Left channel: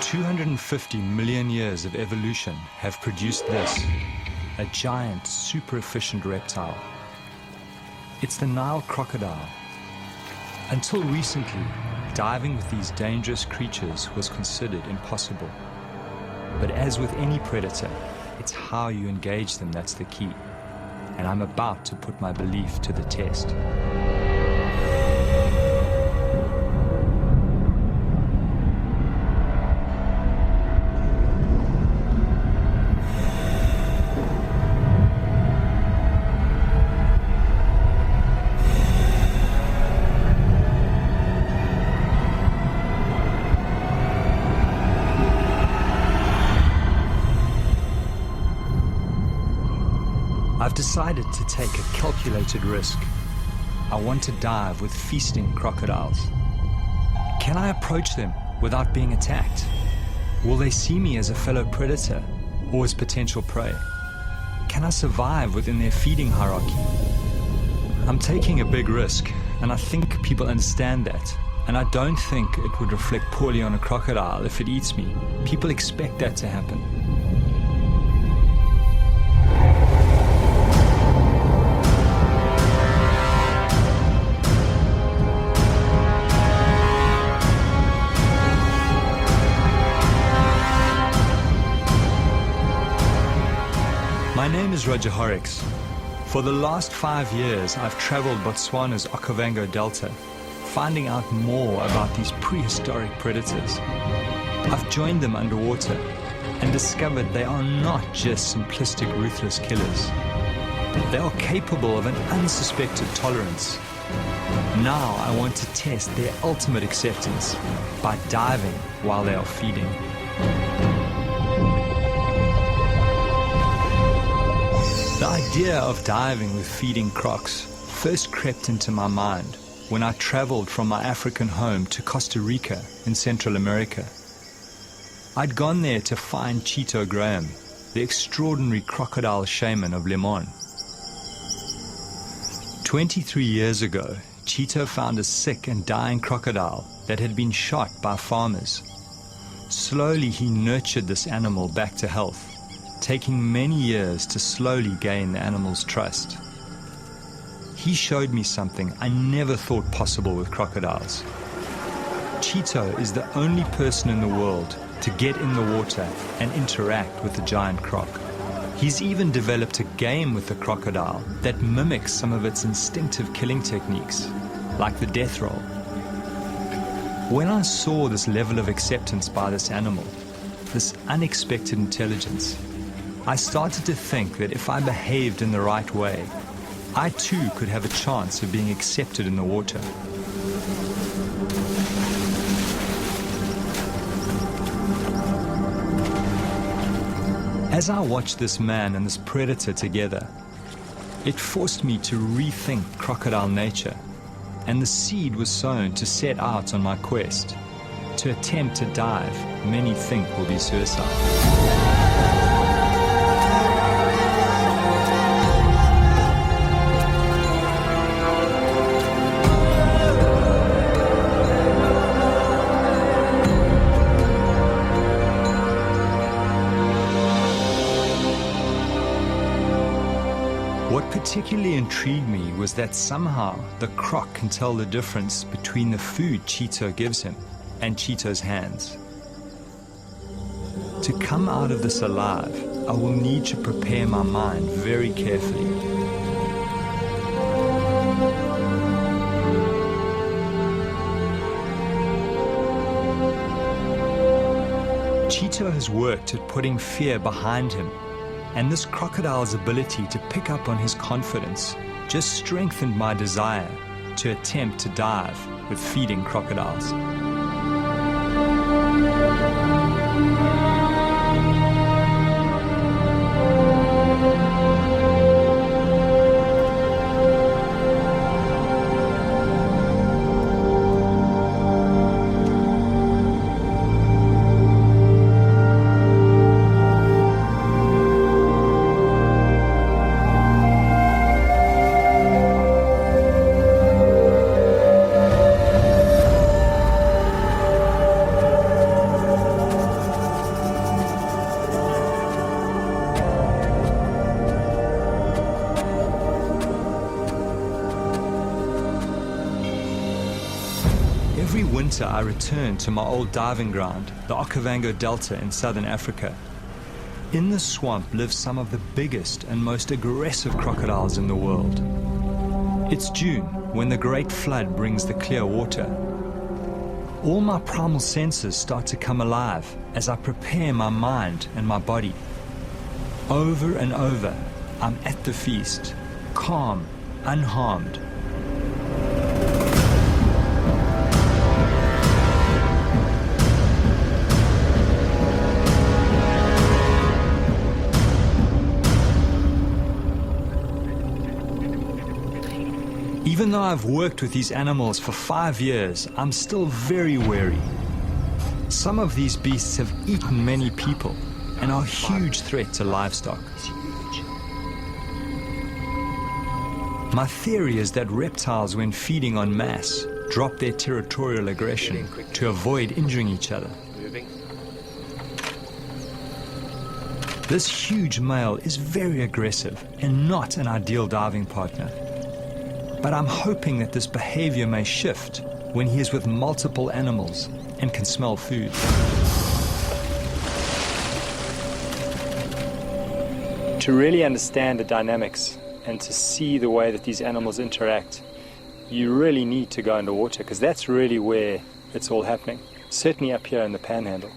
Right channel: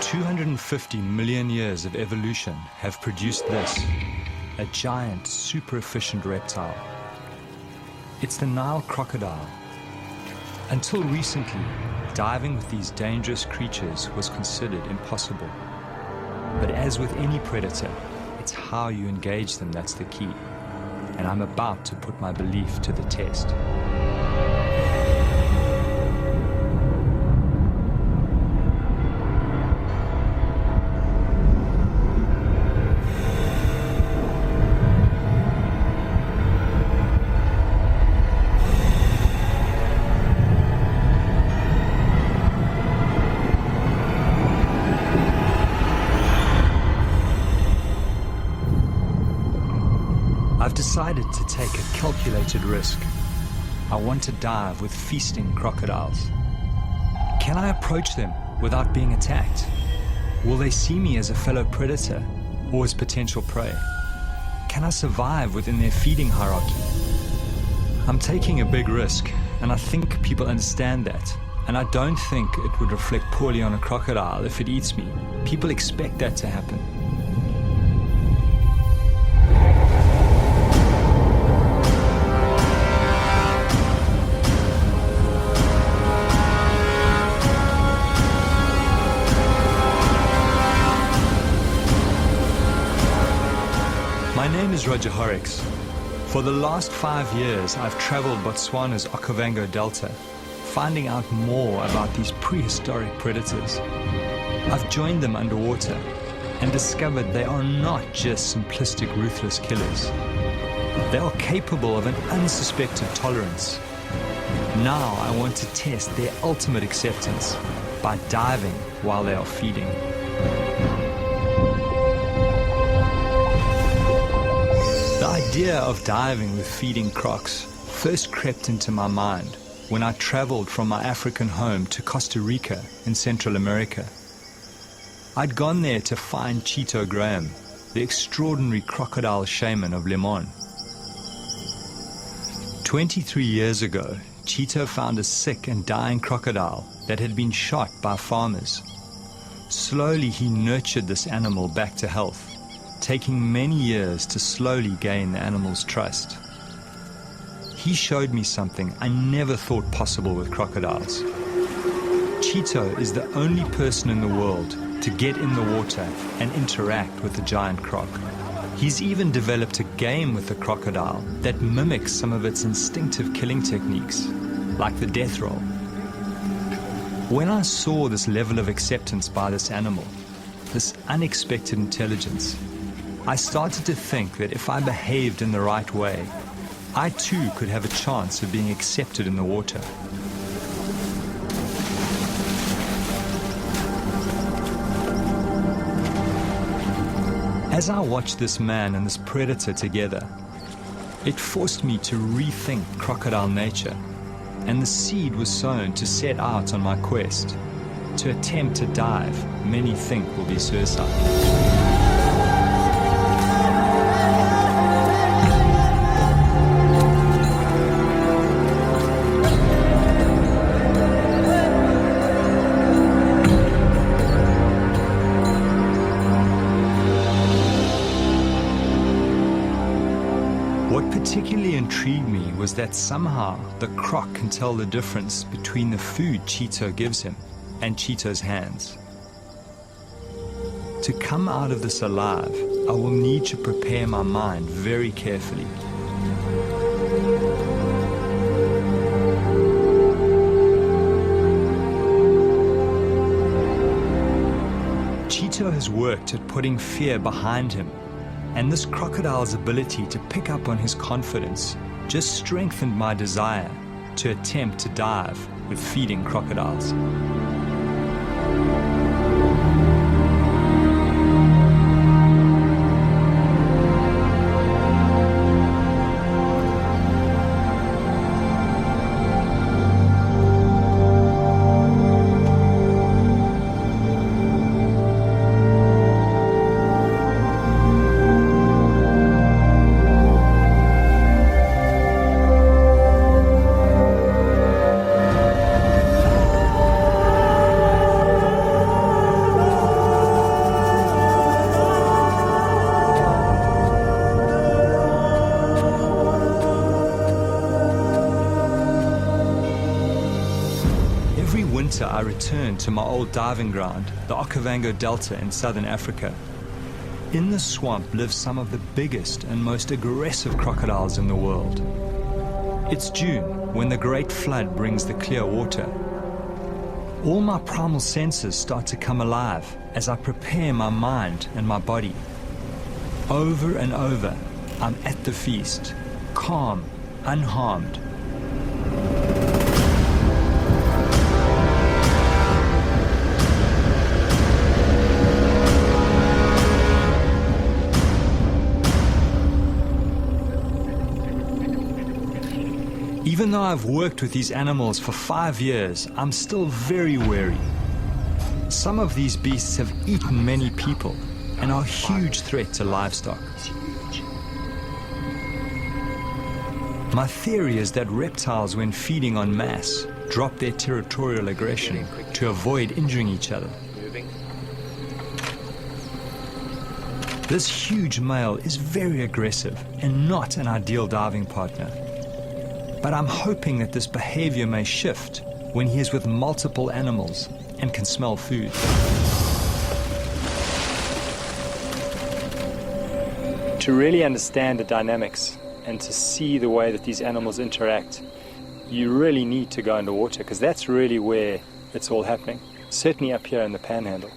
"250 million years of evolution have produced this, a giant, super efficient reptile. It's the Nile crocodile. Until recently, diving with these dangerous creatures was considered impossible. But as with any predator, it's how you engage them that's the key. And I'm about to put my belief to the test. I've decided to take a calculated risk. I want to dive with feasting crocodiles. Can I approach them without being attacked? Will they see me as a fellow predator or as potential prey? Can I survive within their feeding hierarchy? I'm taking a big risk, and I think people understand that. And I don't think it would reflect poorly on a crocodile if it eats me. People expect that to happen. My name is Roger Horrocks. For the last 5 years, I've traveled Botswana's Okavango Delta, finding out more about these prehistoric predators. I've joined them underwater and discovered they are not just simplistic, ruthless killers. They are capable of an unsuspected tolerance. Now I want to test their ultimate acceptance by diving while they are feeding. The idea of diving with feeding crocs first crept into my mind when I traveled from my African home to Costa Rica in Central America. I'd gone there to find Cheeto Graham, the extraordinary crocodile shaman of Limon. 23 years ago, Cheeto found a sick and dying crocodile that had been shot by farmers. Slowly he nurtured this animal back to health, taking many years to slowly gain the animal's trust. He showed me something I never thought possible with crocodiles. Cheeto is the only person in the world to get in the water and interact with the giant croc. He's even developed a game with the crocodile that mimics some of its instinctive killing techniques, like the death roll. When I saw this level of acceptance by this animal, this unexpected intelligence, I started to think that if I behaved in the right way, I too could have a chance of being accepted in the water. As I watched this man and this predator together, it forced me to rethink crocodile nature, and the seed was sown to set out on my quest. To attempt to dive, many think will be suicide. What particularly intrigued me was that somehow the croc can tell the difference between the food Cheeto gives him and Cheeto's hands. To come out of this alive, I will need to prepare my mind very carefully. Cheeto has worked at putting fear behind him, and this crocodile's ability to pick up on his confidence just strengthened my desire to attempt to dive with feeding crocodiles. Every winter I return to my old diving ground, the Okavango Delta in southern Africa. In the swamp live some of the biggest and most aggressive crocodiles in the world. It's June, when the great flood brings the clear water. All my primal senses start to come alive as I prepare my mind and my body. Over and over, I'm at the feast, calm, unharmed. Even though I've worked with these animals for 5 years, I'm still very wary. Some of these beasts have eaten many people and are a huge threat to livestock. My theory is that reptiles, when feeding en masse, drop their territorial aggression to avoid injuring each other. This huge male is very aggressive and not an ideal diving partner. But I'm hoping that this behavior may shift when he is with multiple animals and can smell food. To really understand the dynamics and to see the way that these animals interact, you really need to go underwater, because that's really where it's all happening, certainly up here in the Panhandle.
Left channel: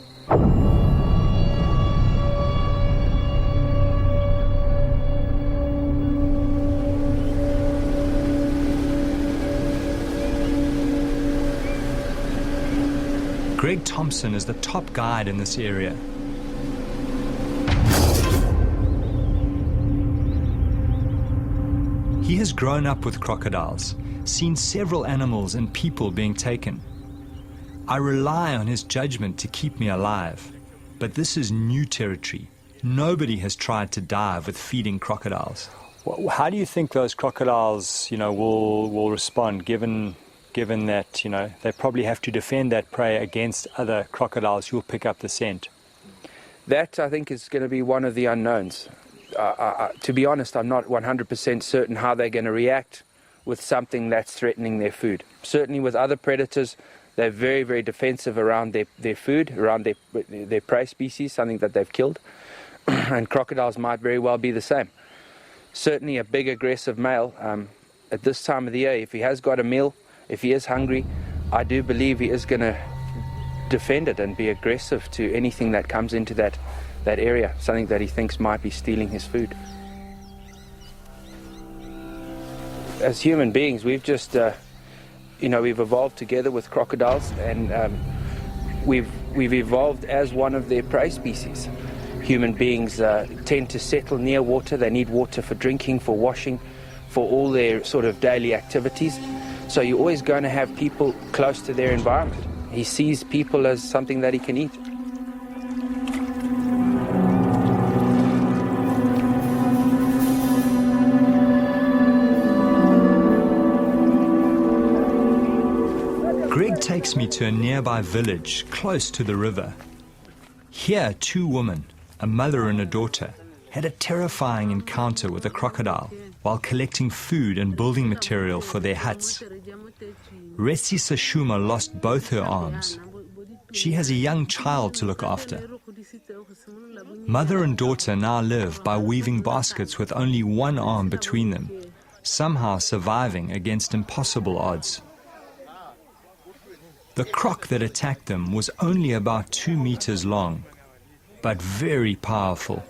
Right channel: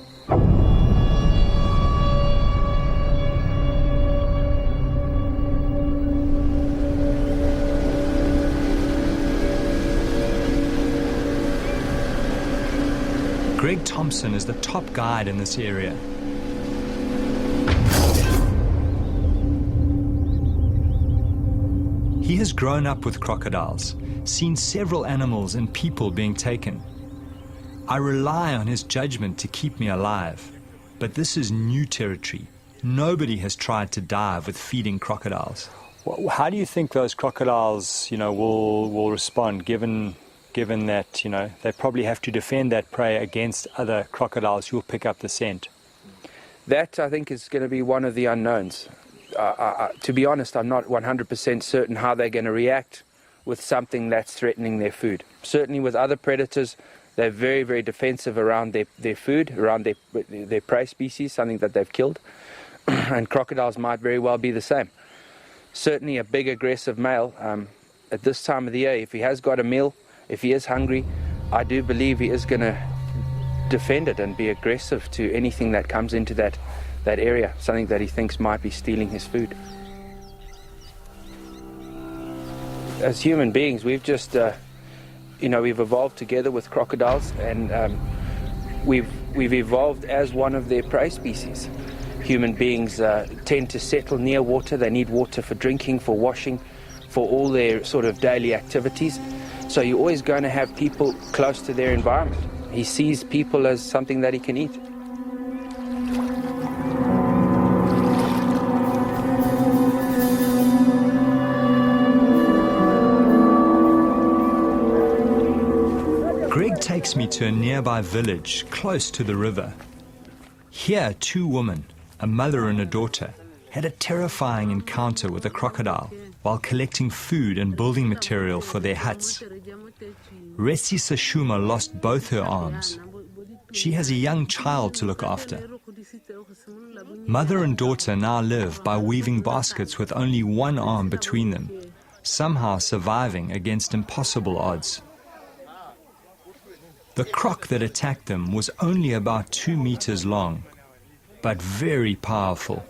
Greg Thompson is the top guide in this area. He has grown up with crocodiles, seen several animals and people being taken. I rely on his judgment to keep me alive, but this is new territory. Nobody has tried to dive with feeding crocodiles. How do you think those crocodiles, will respond given that, they probably have to defend that prey against other crocodiles who will pick up the scent? That, I think, is going to be one of the unknowns. To be honest, I'm not 100% certain how they're going to react with something that's threatening their food. Certainly with other predators, they're very, very defensive around their food, around their prey species, something that they've killed. And crocodiles might very well be the same. Certainly a big aggressive male, at this time of the year, if he has got a meal, if he is hungry, I do believe he is going to defend it and be aggressive to anything that comes into that area, something that he thinks might be stealing his food. As human beings, we've just, we've evolved together with crocodiles, and we've evolved as one of their prey species. Human beings tend to settle near water. They need water for drinking, for washing, for all their sort of daily activities. So you're always going to have people close to their environment. He sees people as something that he can eat. Greg takes me to a nearby village close to the river. Here, two women, a mother and a daughter, had a terrifying encounter with a crocodile while collecting food and building material for their huts. Resi Sashuma lost both her arms. She has a young child to look after. Mother and daughter now live by weaving baskets with only one arm between them, somehow surviving against impossible odds. The croc that attacked them was only about 2 meters long, but very powerful.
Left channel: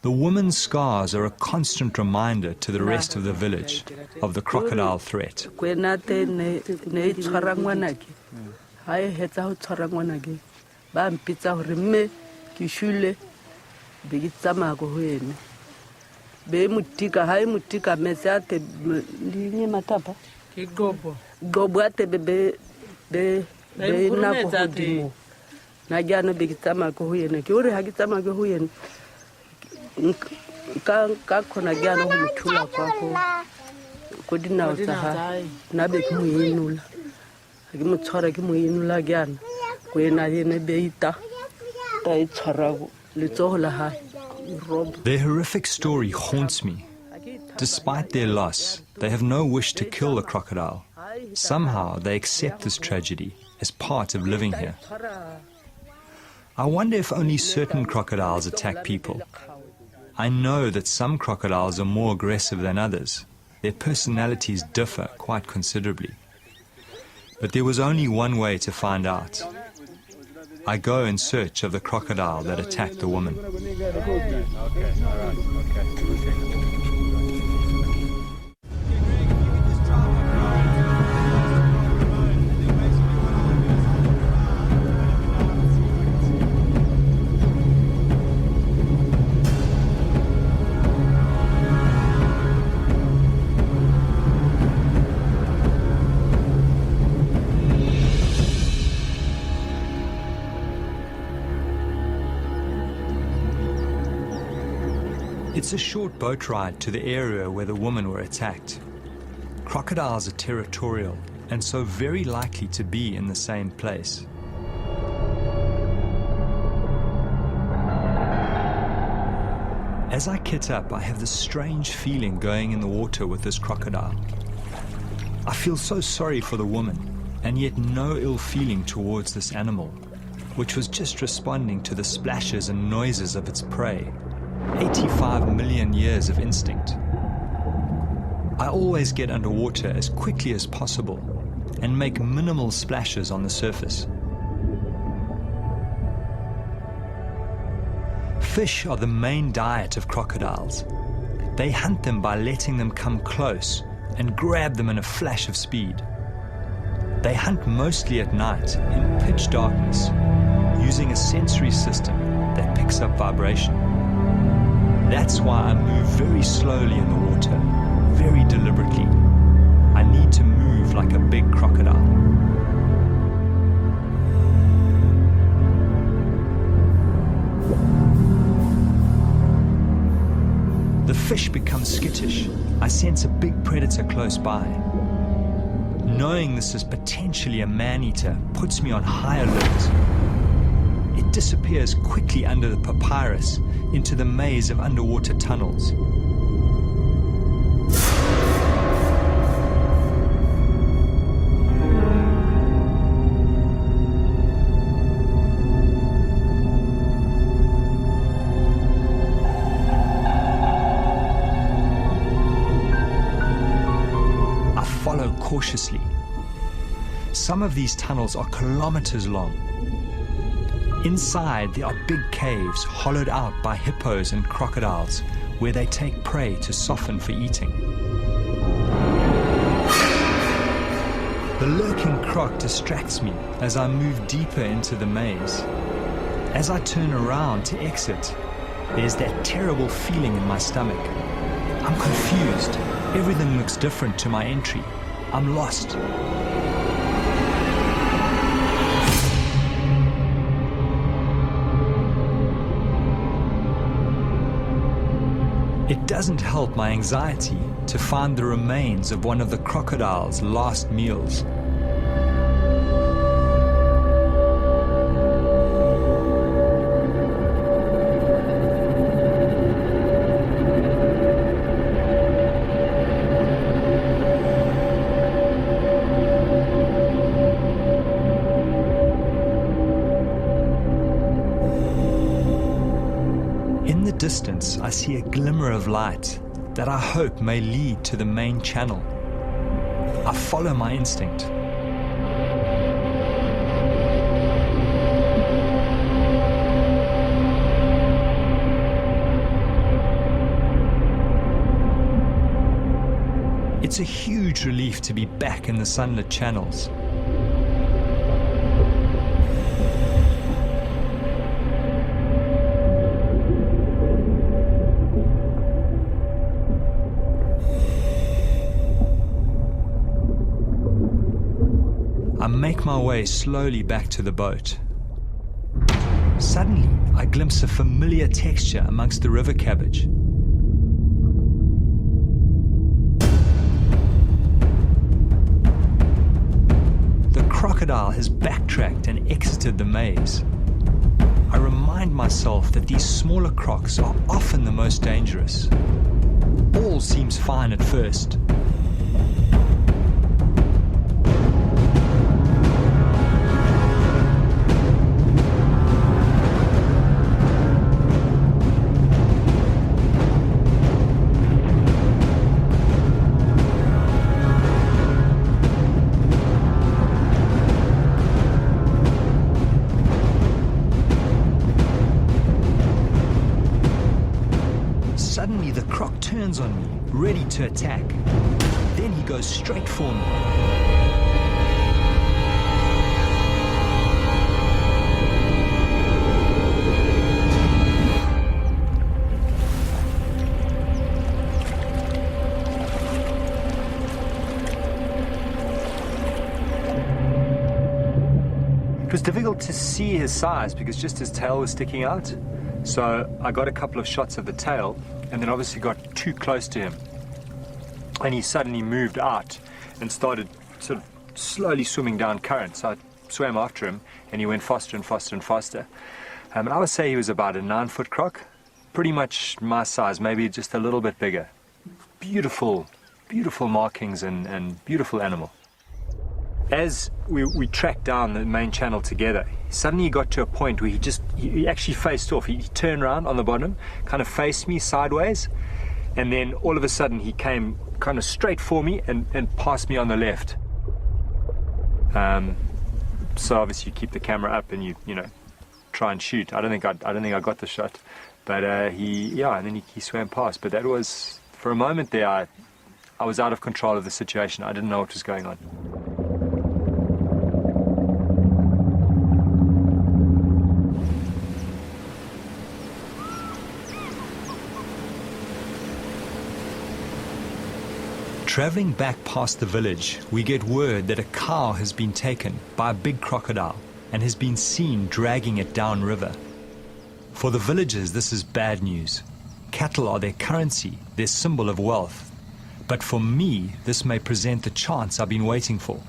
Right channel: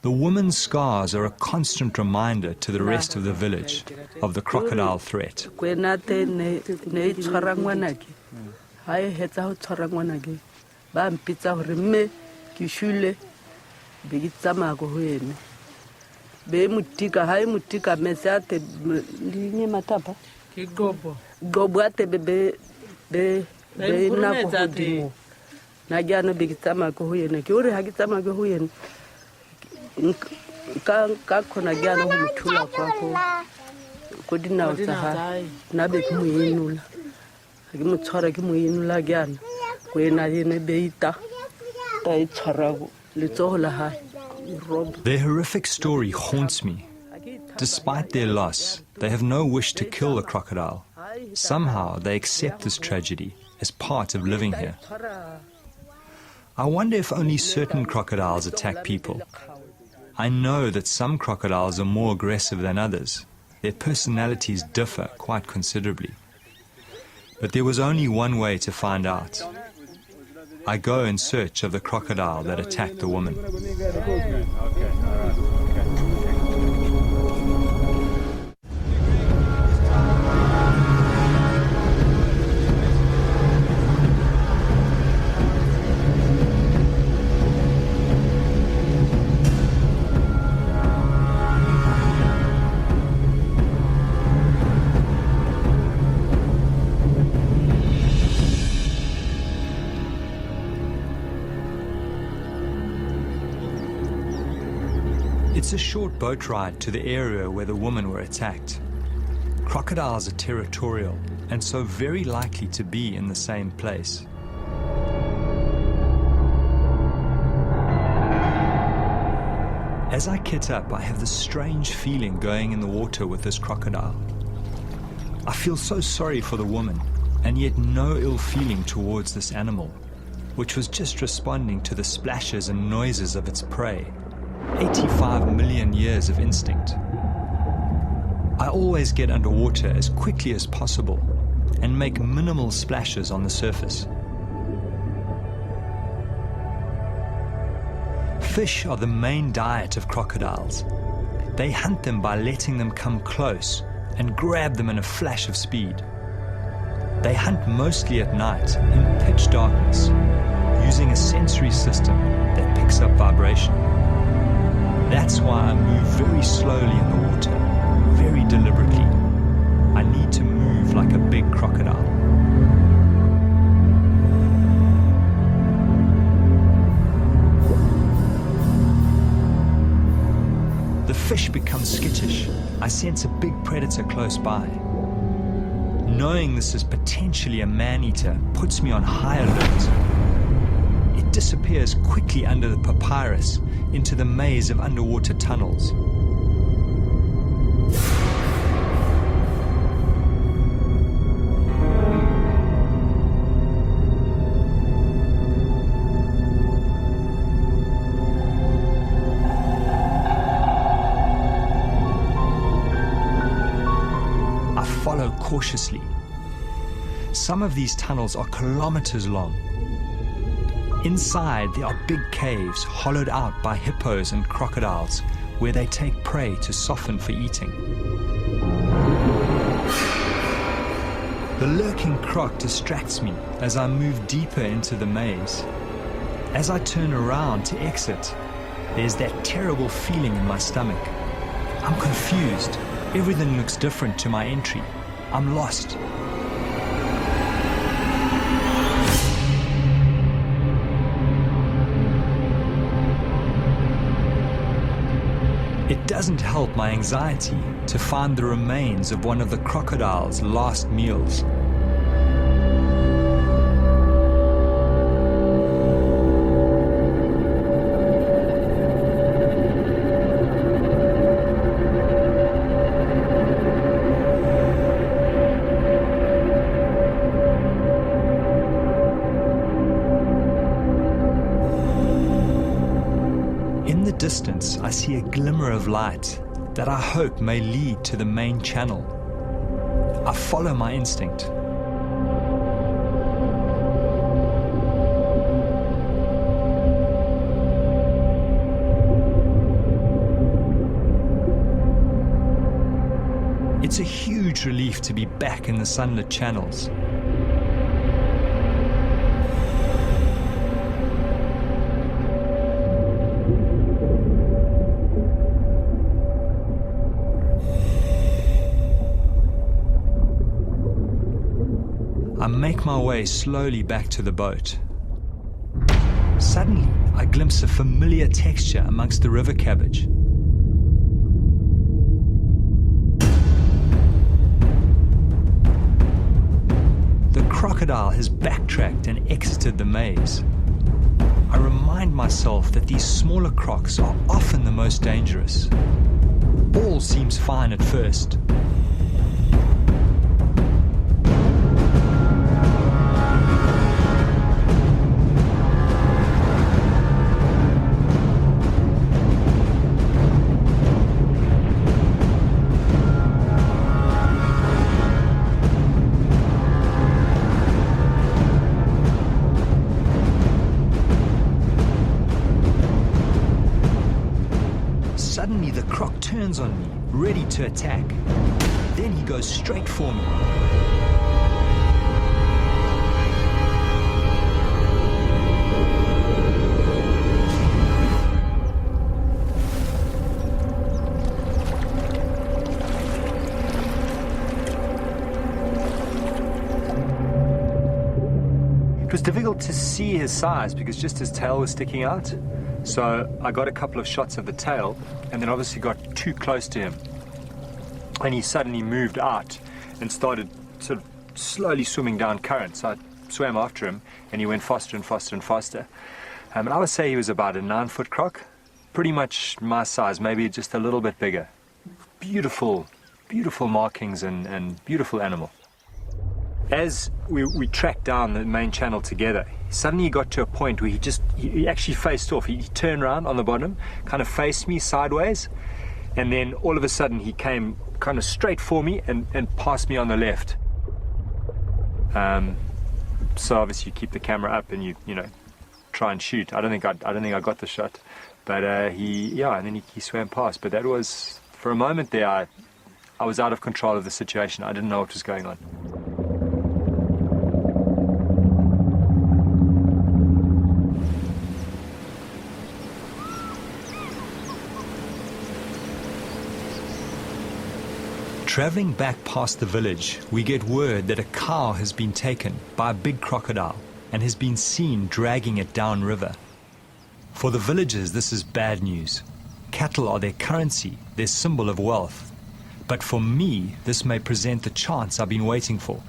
The woman's scars are a constant reminder to the rest of the village of the crocodile threat. Their horrific story haunts me. Despite their loss, they have no wish to kill the crocodile. Somehow they accept this tragedy as part of living here. I wonder if only certain crocodiles attack people. I know that some crocodiles are more aggressive than others. Their personalities differ quite considerably. But there was only one way to find out. I go in search of the crocodile that attacked the woman. It's a short boat ride to the area where the women were attacked. Crocodiles are territorial and so very likely to be in the same place. As I kit up, I have this strange feeling going in the water with this crocodile. I feel so sorry for the woman, and yet no ill feeling towards this animal, which was just responding to the splashes and noises of its prey. 85 million years of instinct. I always get underwater as quickly as possible and make minimal splashes on the surface. Fish are the main diet of crocodiles. They hunt them by letting them come close and grab them in a flash of speed. They hunt mostly at night in pitch darkness, using a sensory system that picks up vibration. That's why I move very slowly in the water, very deliberately. I need to move like a big crocodile. The fish becomes skittish. I sense a big predator close by. Knowing this is potentially a man-eater puts me on high alert. It disappears quickly under the papyrus into the maze of underwater tunnels. I follow cautiously. Some of these tunnels are kilometers long. Inside, there are big caves hollowed out by hippos and crocodiles where they take prey to soften for eating. The lurking croc distracts me as I move deeper into the maze. As I turn around to exit, there's that terrible feeling in my stomach. I'm confused. Everything looks different to my entry. I'm lost. It doesn't help my anxiety to find the remains of one of the crocodile's last meals. In the distance, I see a glimmer of light that I hope may lead to the main channel. I follow my instinct. It's a huge relief to be back in the sunlit channels. I make my way slowly back to the boat. Suddenly, I glimpse a familiar texture amongst the river cabbage. The crocodile has backtracked and exited the maze. I remind myself that these smaller crocs are often the most dangerous. All seems fine at first. Suddenly the croc turns on me, ready to attack. Then he goes straight for me. It was difficult to see his size because just his tail was sticking out. So I got a couple of shots of the tail and then obviously got too close to him. And he suddenly moved out and started sort of slowly swimming down current. So I swam after him and he went faster and faster and faster. And I would say he was about a 9-foot croc, pretty much my size, maybe just a little bit bigger. Beautiful, beautiful markings and beautiful animal. As we tracked down the main channel together, suddenly he got to a point where he actually faced off. He turned around on the bottom, kind of faced me sideways, and then all of a sudden he came kind of straight for me and passed me on the left. So obviously you keep the camera up and you try and shoot. I don't think I got the shot, but and then he swam past. But that was, for a moment there, I was out of control of the situation. I didn't know what was going on. Traveling back past the village, we get word that a cow has been taken by a big crocodile and has been seen dragging it downriver. For the villagers, this is bad news. Cattle are their currency, their symbol of wealth. But for me, this may present the chance I've been waiting for.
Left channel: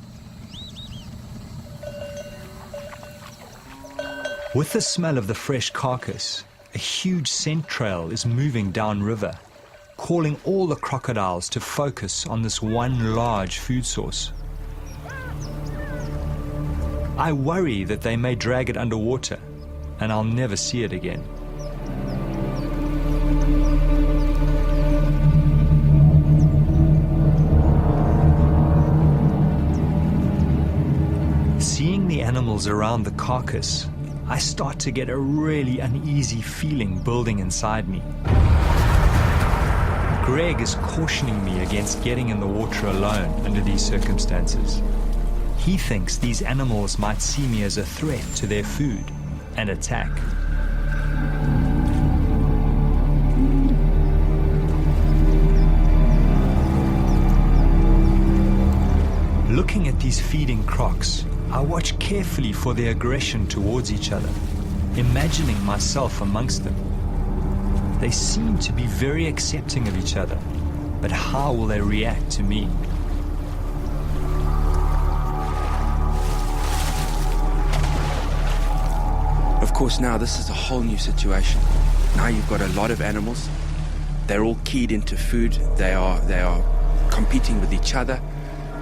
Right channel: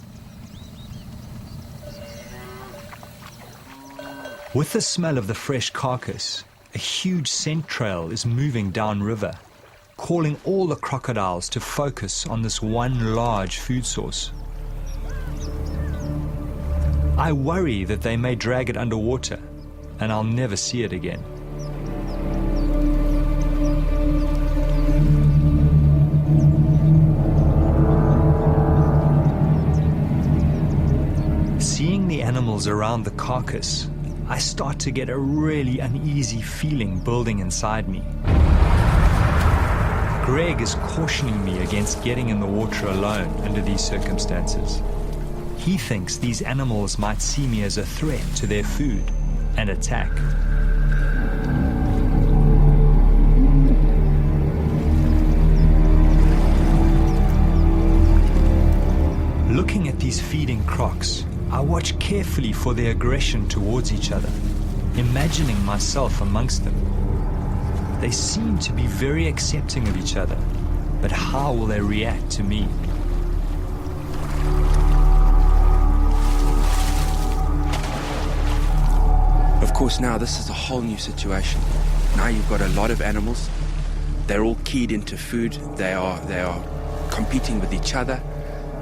With the smell of the fresh carcass, a huge scent trail is moving downriver, calling all the crocodiles to focus on this one large food source. I worry that they may drag it underwater and I'll never see it again. Seeing the animals around the carcass, I start to get a really uneasy feeling building inside me. Greg is cautioning me against getting in the water alone under these circumstances. He thinks these animals might see me as a threat to their food and attack. Looking at these feeding crocs, I watch carefully for their aggression towards each other, imagining myself amongst them. They seem to be very accepting of each other, but how will they react to me? Of course, now this is a whole new situation. Now you've got a lot of animals. They're all keyed into food. They are competing with each other.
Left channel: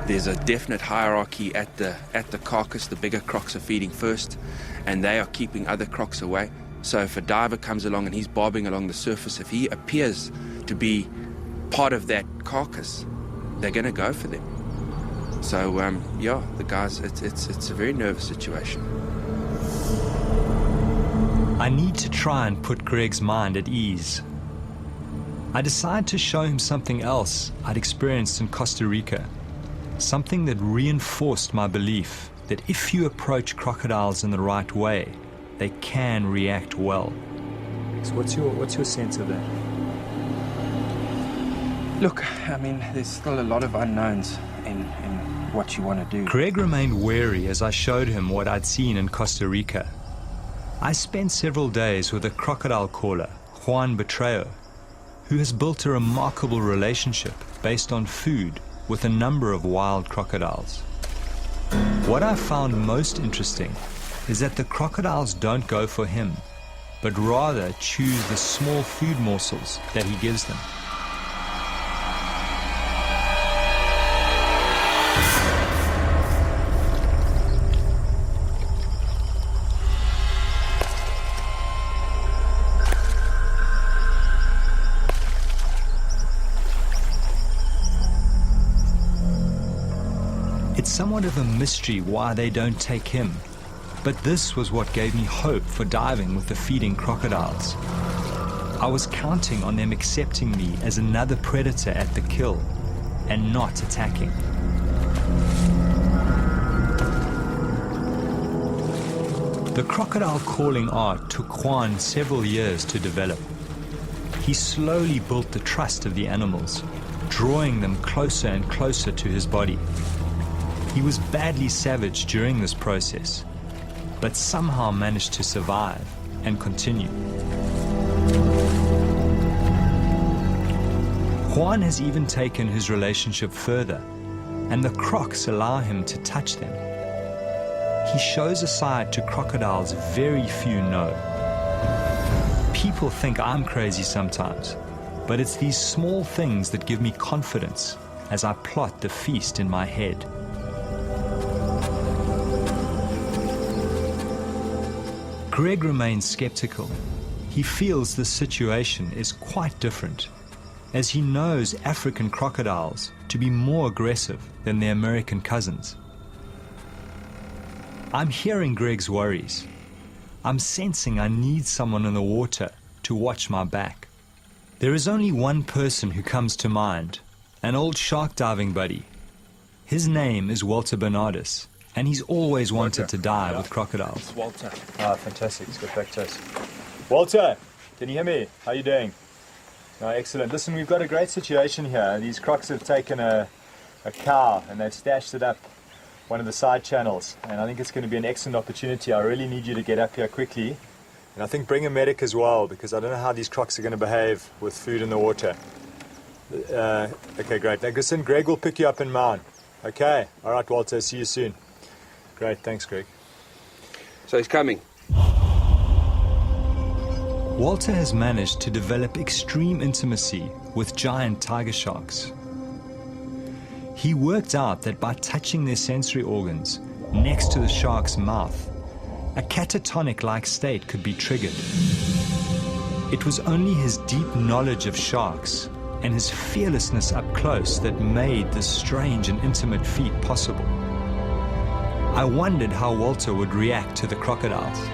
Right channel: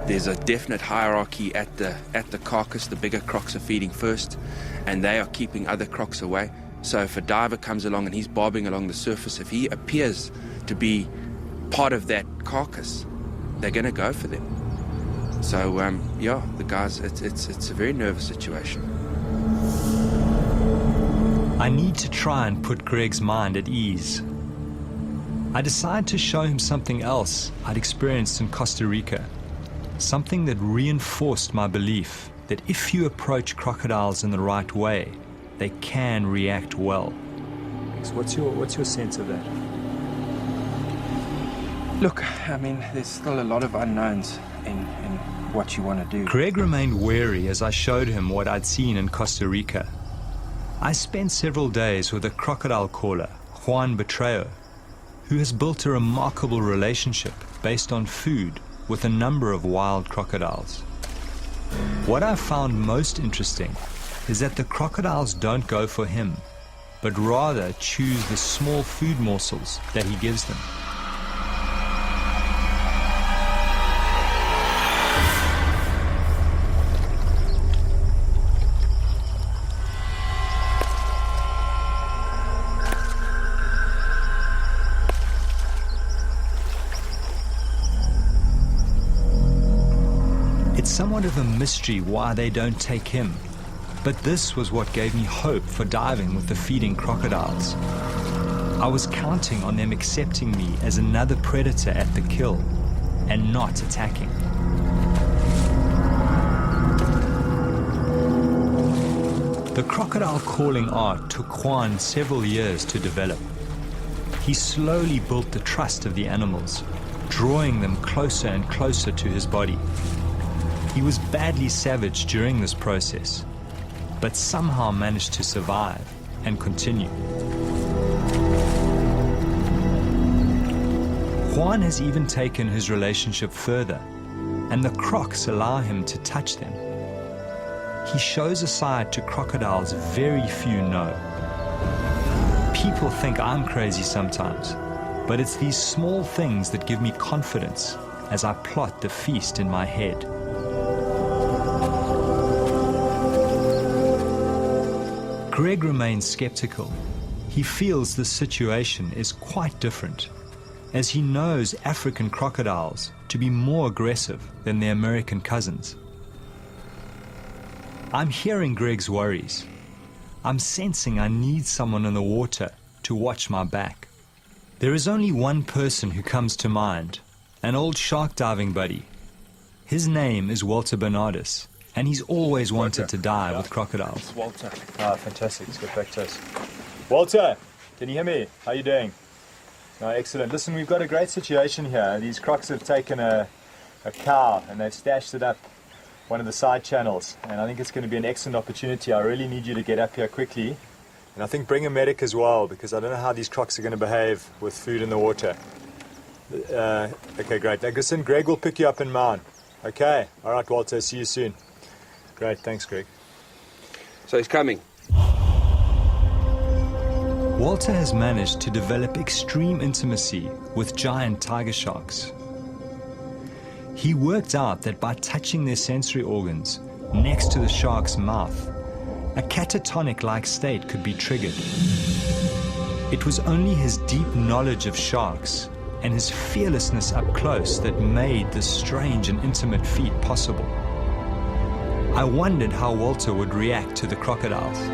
There's a definite hierarchy at the carcass. The bigger crocs are feeding first, and they are keeping other crocs away. So if a diver comes along and he's bobbing along the surface, if he appears to be part of that carcass, they're going to go for them. So the guys, it's a very nervous situation. I need to try and put Greg's mind at ease. I decide to show him something else I'd experienced in Costa Rica, something that reinforced my belief that if you approach crocodiles in the right way, they can react well. What's your sense of that? Look, I mean, there's still a lot of unknowns in what you want to do. Greg remained wary as I showed him what I'd seen in Costa Rica. I spent several days with a crocodile caller, Juan Betreo, who has built a remarkable relationship based on food with a number of wild crocodiles. What I found most interesting is that the crocodiles don't go for him, but rather choose the small food morsels that he gives them. It's somewhat of a mystery why they don't take him, but this was what gave me hope for diving with the feeding crocodiles. I was counting on them accepting me as another predator at the kill and not attacking. The crocodile calling art took Juan several years to develop. He slowly built the trust of the animals, drawing them closer and closer to his body. He was badly savage during this process, but somehow managed to survive and continue. Juan has even taken his relationship further, and the crocs allow him to touch them. He shows a side to crocodiles very few know. People think I'm crazy sometimes, but it's these small things that give me confidence as I plot the feast in my head. Greg remains skeptical. He feels the situation is quite different, as he knows African crocodiles to be more aggressive than their American cousins. I'm hearing Greg's worries. I'm sensing I need someone in the water to watch my back. There is only one person who comes to mind, an old shark diving buddy. His name is Walter Bernardus, and he's always wanted to dive with crocodiles. It's Walter. Ah, fantastic. Let's get back to us. Walter, can you hear me? How are you doing? No, excellent. Listen, we've got a great situation here. These crocs have taken a cow and they've stashed it up one of the side channels, and I think it's going to be an excellent opportunity. I really need you to get up here quickly, and I think bring a medic as well, because I don't know how these crocs are going to behave with food in the water. Okay, great. Now, listen, Greg will pick you up in mine. Okay. All right, Walter. See you soon. Great. Thanks, Greg. So he's coming. Walter has managed to develop extreme intimacy with giant tiger sharks. He worked out that by touching their sensory organs next to the shark's mouth, a catatonic-like state could be triggered. It was only his deep knowledge of sharks and his fearlessness up close that made this strange and intimate feat possible. I wondered how Walter would react to the crocodiles.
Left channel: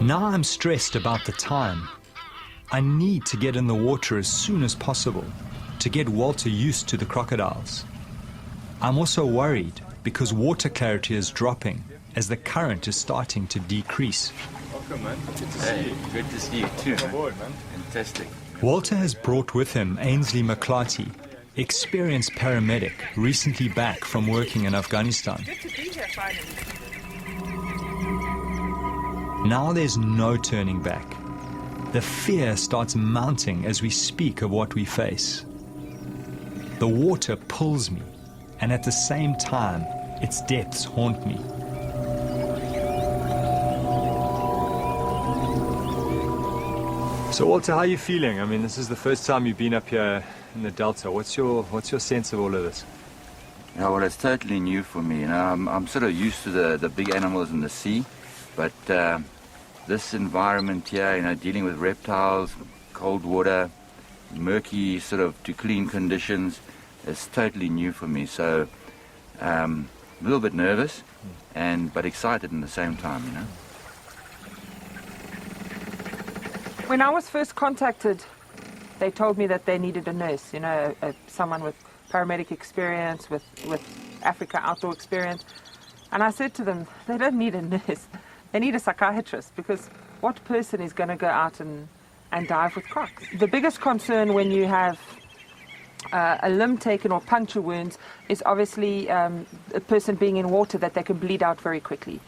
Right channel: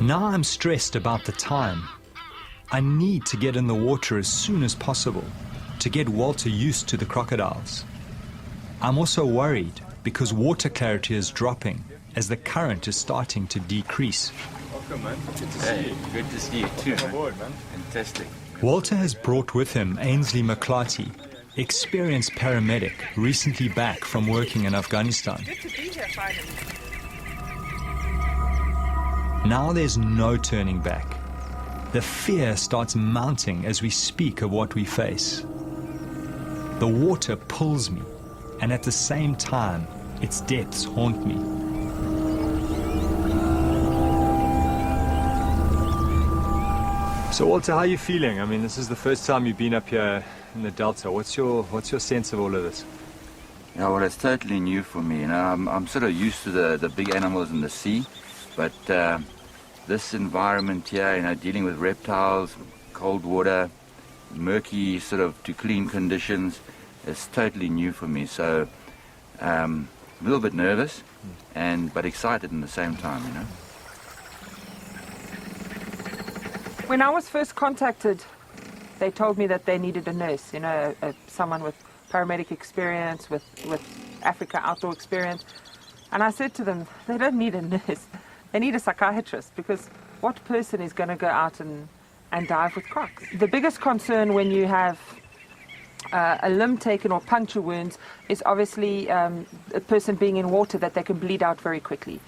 Now I'm stressed about the time. I need to get in the water as soon as possible to get Walter used to the crocodiles. I'm also worried because water clarity is dropping as the current is starting to decrease. Welcome, man. Good to see you. Good to see you too. Welcome aboard, man. Fantastic. Walter has brought with him Ainsley McClarty, experienced paramedic recently back from working in Afghanistan. Good to be here finally. Now there's no turning back. The fear starts mounting as we speak of what we face. The water pulls me, and at the same time, its depths haunt me. So Walter, how are you feeling? I mean, this is the first time you've been up here in the Delta. What's your sense of all of this? Yeah, well, it's totally new for me. You know, I'm sort of used to the big animals in the sea, but this environment here, you know, dealing with reptiles, cold water, murky sort of to clean conditions, is totally new for me. So a little bit nervous, but excited in the same time, you know. When I was first contacted, they told me that they needed a nurse, you know, someone with paramedic experience, with Africa outdoor experience. And I said to them, they don't need a nurse. They need a psychiatrist, because what person is going to go out and dive with crocs? The biggest concern when you have a limb taken or puncture wounds is obviously a person being in water, that they can bleed out very quickly.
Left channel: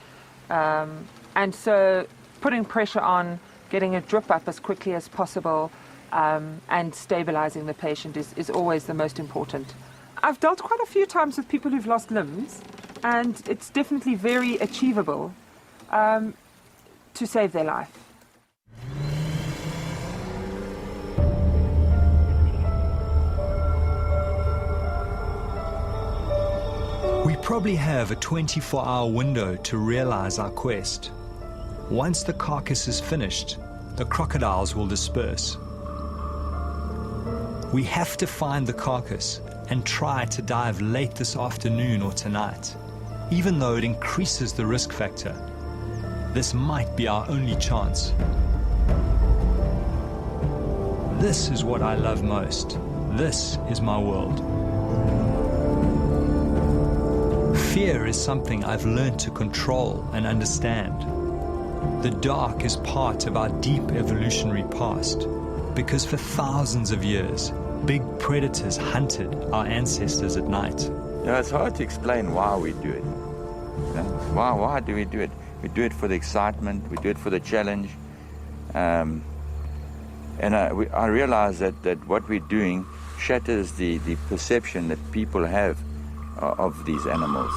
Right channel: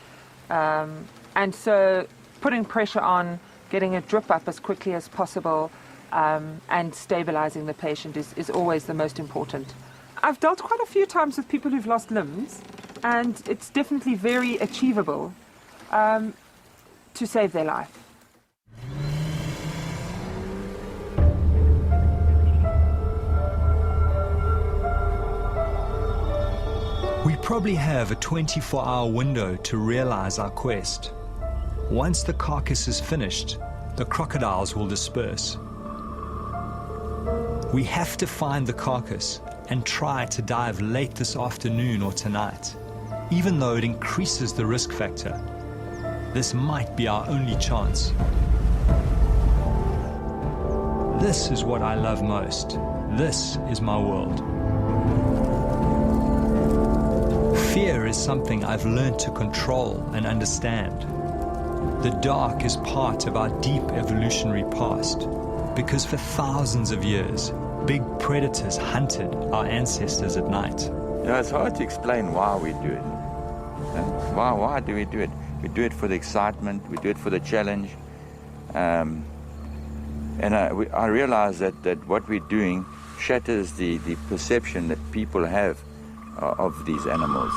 And so putting pressure on, getting a drip up as quickly as possible, and stabilizing the patient is always the most important. I've dealt quite a few times with people who've lost limbs, and it's definitely very achievable to save their life. We probably have a 24-hour window to realize our quest. Once the carcass is finished, the crocodiles will disperse. We have to find the carcass and try to dive late this afternoon or tonight, even though it increases the risk factor. This might be our only chance. This is what I love most. This is my world. Fear is something I've learned to control and understand. The dark is part of our deep evolutionary past, because for thousands of years, big predators hunted our ancestors at night. It's hard to explain why we do it. Why do we do it? We do it for the excitement, we do it for the challenge. And I realize that what we're doing shatters the perception that people have of these animals.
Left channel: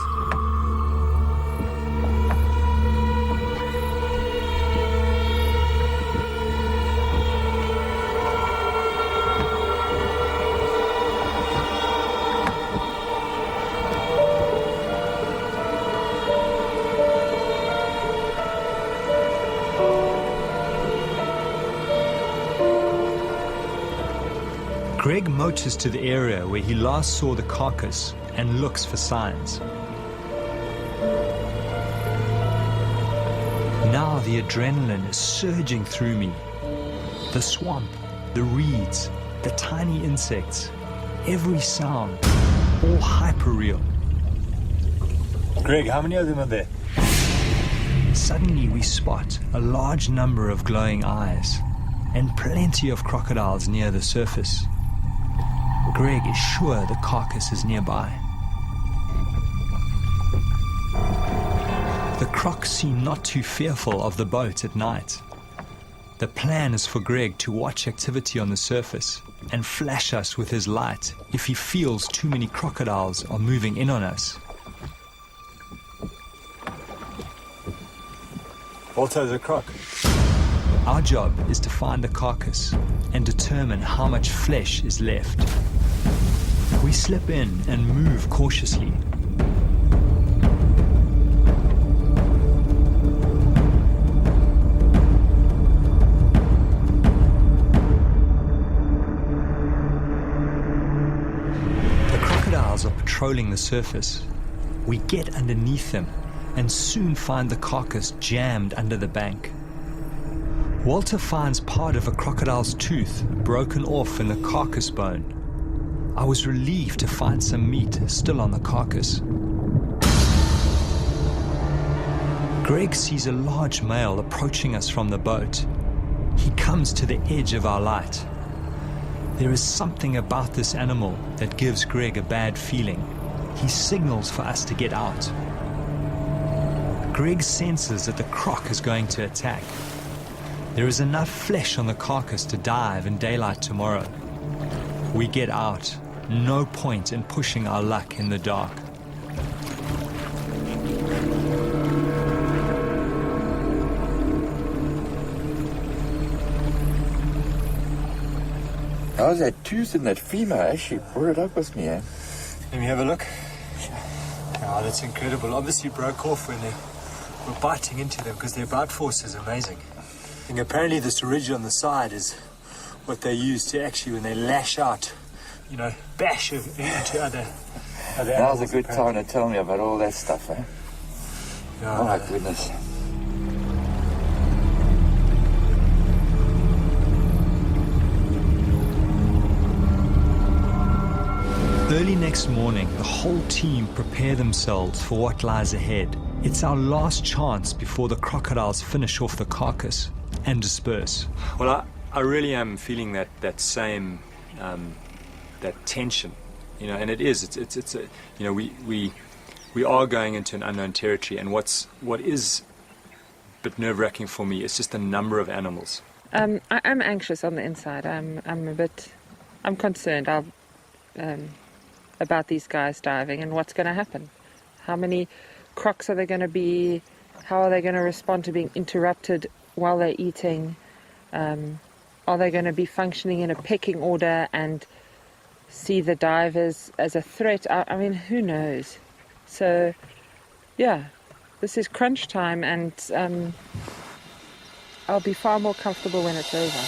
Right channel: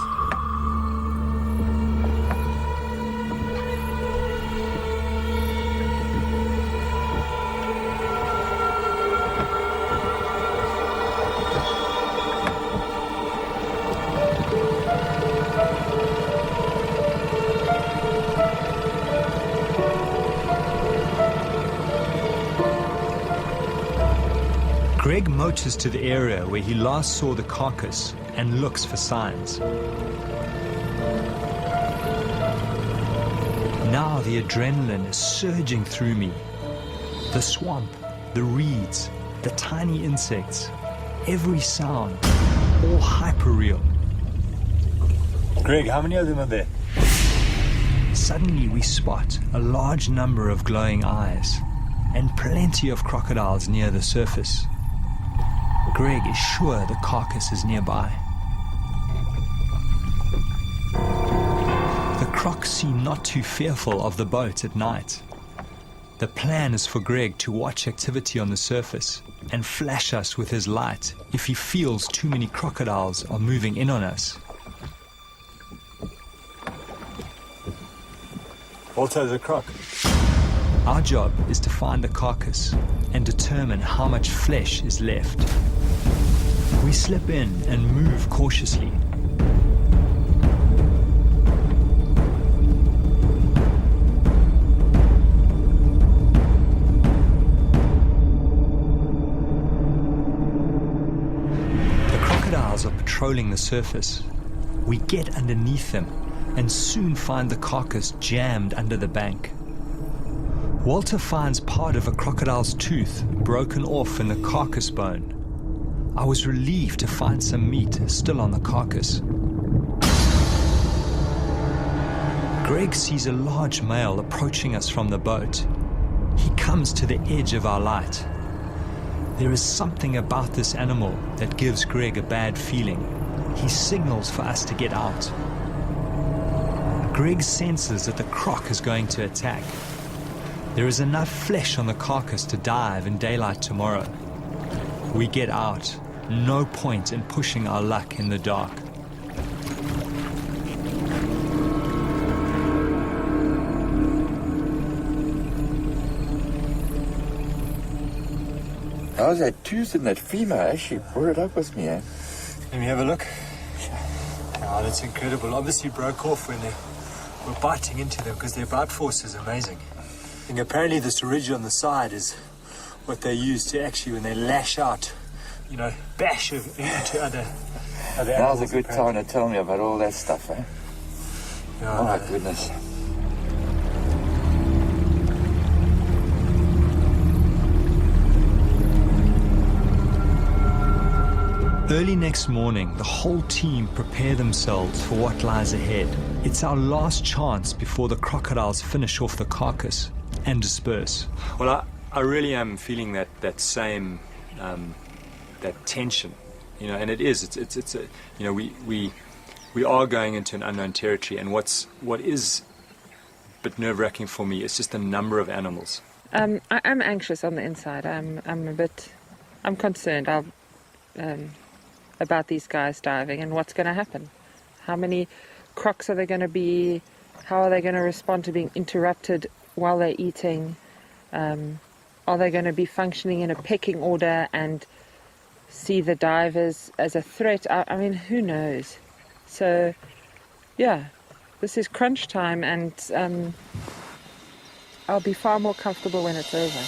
Greg motors to the area where he last saw the carcass and looks for signs. Now the adrenaline is surging through me. The swamp, the reeds, the tiny insects, every sound, all hyper-real. Greg, how many of them are there? Suddenly we spot a large number of glowing eyes and plenty of crocodiles near the surface. Greg is sure the carcass is nearby. The crocs seem not too fearful of the boat at night. The plan is for Greg to watch activity on the surface and flash us with his light if he feels too many crocodiles are moving in on us. Walter, the croc. Our job is to find the carcass and determine how much flesh is left. We slip in and move cautiously. The crocodiles are patrolling the surface. We get underneath them and soon find the carcass jammed under the bank. Walter finds part of a crocodile's tooth broken off in the carcass bone. I was relieved to find some meat still on the carcass. Greg sees a large male approaching us from the boat. He comes to the edge of our light. There is something about this animal that gives Greg a bad feeling. He signals for us to get out. Greg senses that the croc is going to attack. There is enough flesh on the carcass to dive in daylight tomorrow. We get out. No point in pushing our luck in the dark. How's that tooth in that femur? Actually brought it up with me, eh? Let me have a look. Oh, that's incredible. Obviously broke off when they were biting into them, because their bite force is amazing. And apparently this ridge on the side is what they use to actually, when they lash out, bash into other Now's animals. a good time to tell me about all that stuff, eh? Yeah, Oh my goodness. Early next morning, the whole team prepare themselves for what lies ahead. It's our last chance before the crocodiles finish off the carcass and disperse. Well, I really am feeling that same that tension, you know, and it's a, you know, we are going into an unknown territory, and what is a bit nerve-wracking for me is just the number of animals. I'm anxious on the inside. I'm concerned about these guys diving and what's going to happen. How many crocs are there going to be? How are they going to respond to being interrupted while they're eating? Are they going to be functioning in a pecking order and see the divers as a threat? I mean, who knows? So, yeah, this is crunch time, and I'll be far more comfortable when it's over.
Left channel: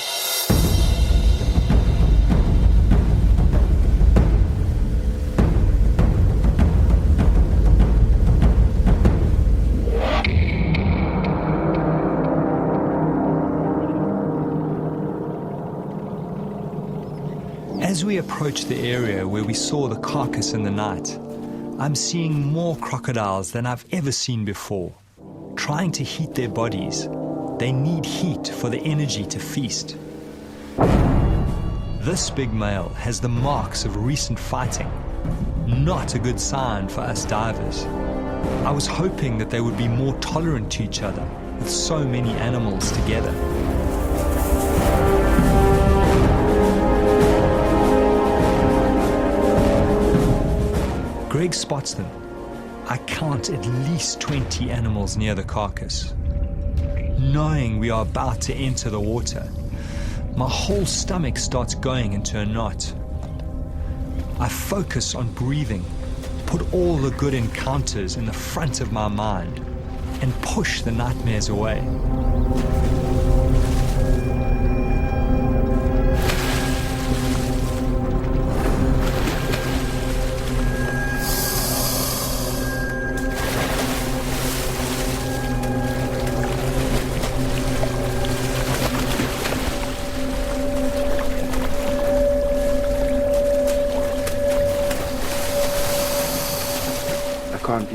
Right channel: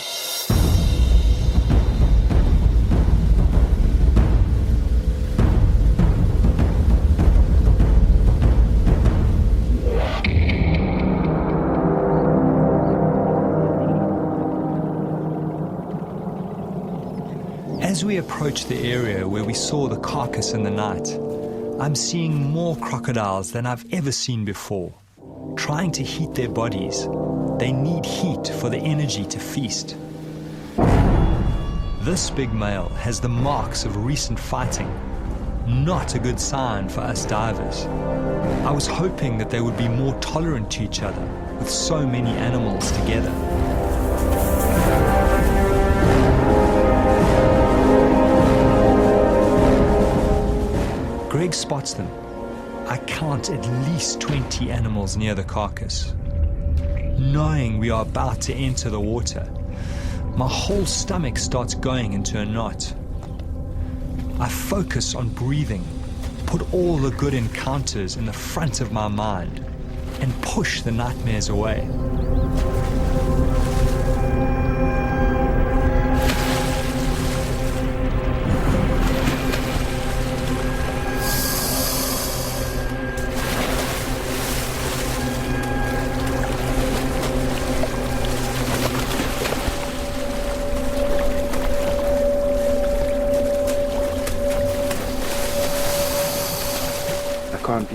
As we approach the area where we saw the carcass in the night, I'm seeing more crocodiles than I've ever seen before. Trying to heat their bodies, they need heat for the energy to feast. This big male has the marks of recent fighting. Not a good sign for us divers. I was hoping that they would be more tolerant to each other with so many animals together. Greg spots them. I count at least 20 animals near the carcass. Knowing we are about to enter the water, my whole stomach starts going into a knot. I focus on breathing, put all the good encounters in the front of my mind, and push the nightmares away.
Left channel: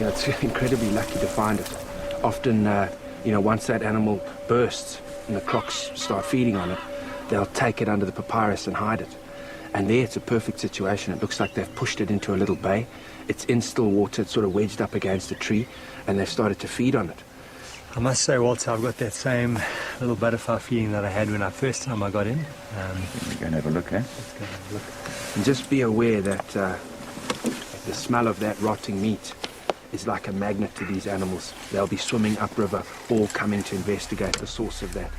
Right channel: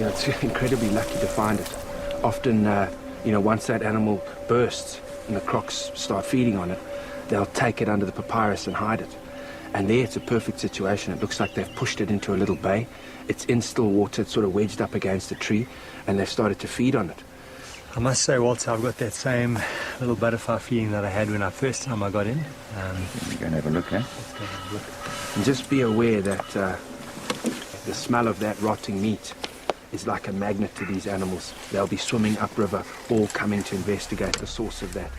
It's incredibly lucky to find it. Often, once that animal bursts and the crocs start feeding on it, they'll take it under the papyrus and hide it. And there it's a perfect situation. It looks like they've pushed it into a little bay. It's in still water, it's sort of wedged up against a tree, and they've started to feed on it. I must say, Walter, I've got that same little butterfly feeling that I had when first time I got in. We're going to have a look, eh? Let's go have a look. And just be aware that the smell of that rotting meat is like a magnet to these animals. They'll be swimming upriver, all coming to investigate the source of that.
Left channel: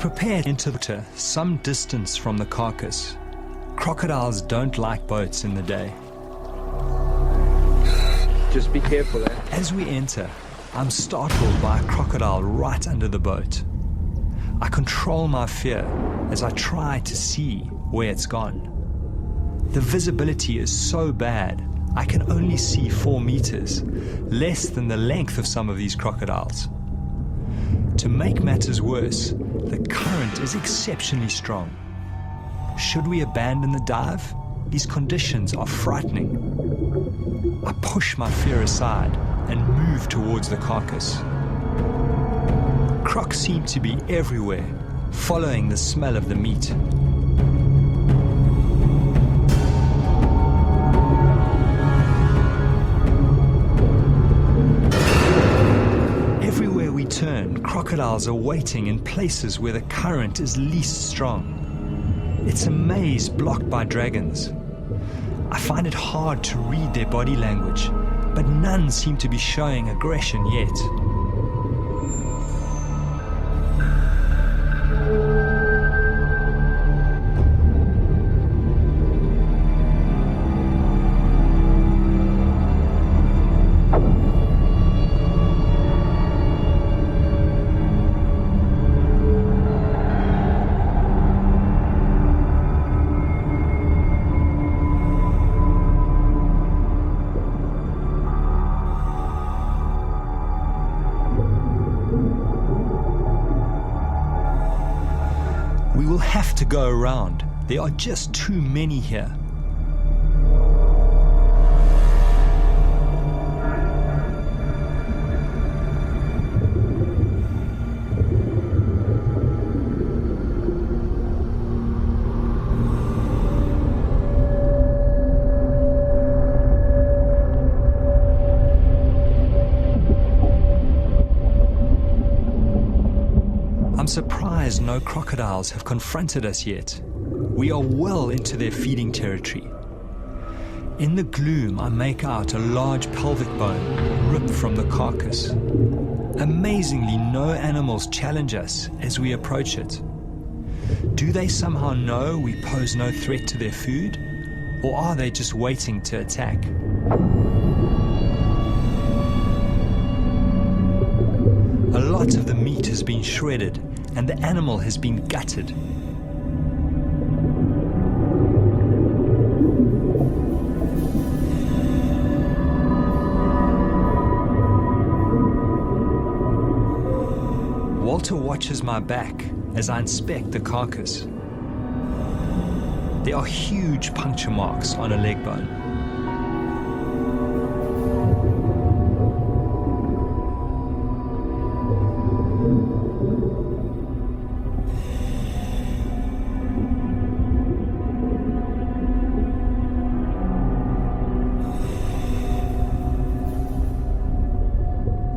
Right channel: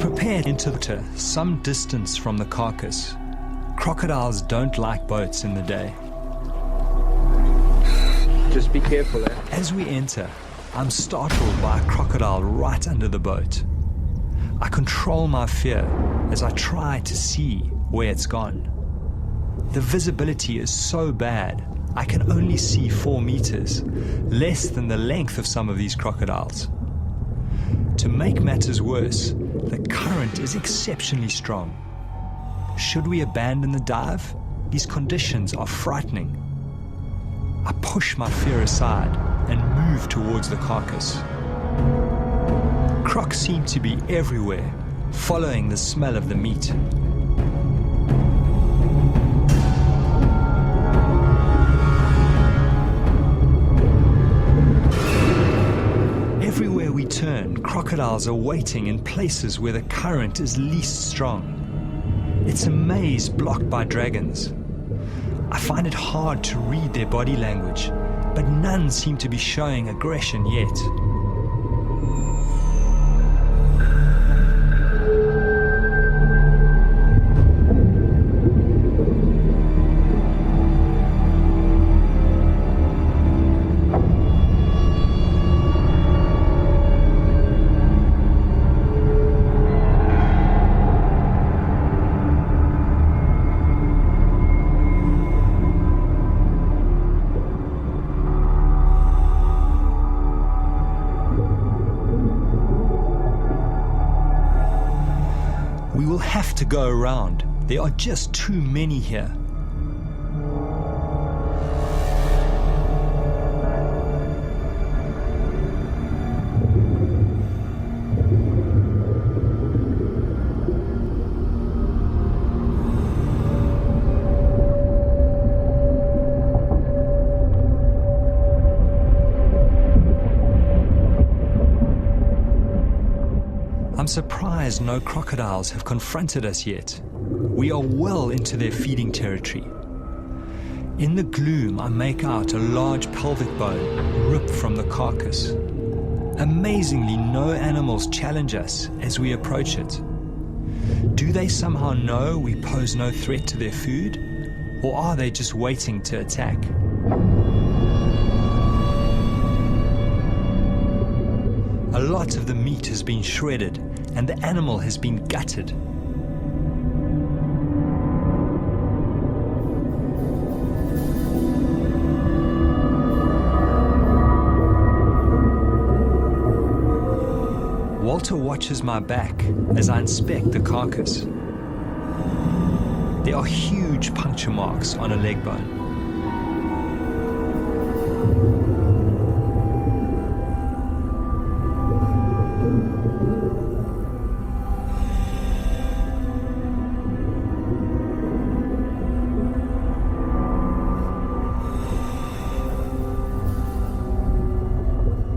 Prepared into the water some distance from the carcass. Crocodiles don't like boats in the day. Just be careful, eh? As we enter, I'm startled by a crocodile right under the boat. I control my fear as I try to see where it's gone. The visibility is so bad, I can only see 4 meters, less than the length of some of these crocodiles. To make matters worse, the current is exceptionally strong. Should we abandon the dive? These conditions are frightening. I push my fear aside and move towards the carcass. Crocs seem to be everywhere, following the smell of the meat. Everywhere we turn, crocodiles are waiting in places where the current is least strong. It's a maze blocked by dragons. I find it hard to read their body language, but none seem to be showing aggression yet. We will have to go around. There are just too many here. I'm surprised no crocodiles have confronted us yet. We are well into their feeding territory. In the gloom, I make out a large pelvic bone ripped from the carcass. Amazingly, no animals challenge us as we approach it. Do they somehow know we pose no threat to their food? Or are they just waiting to attack? A lot of the meat has been shredded and the animal has been gutted. Walter watches my back as I inspect the carcass. There are huge puncture marks on a leg bone.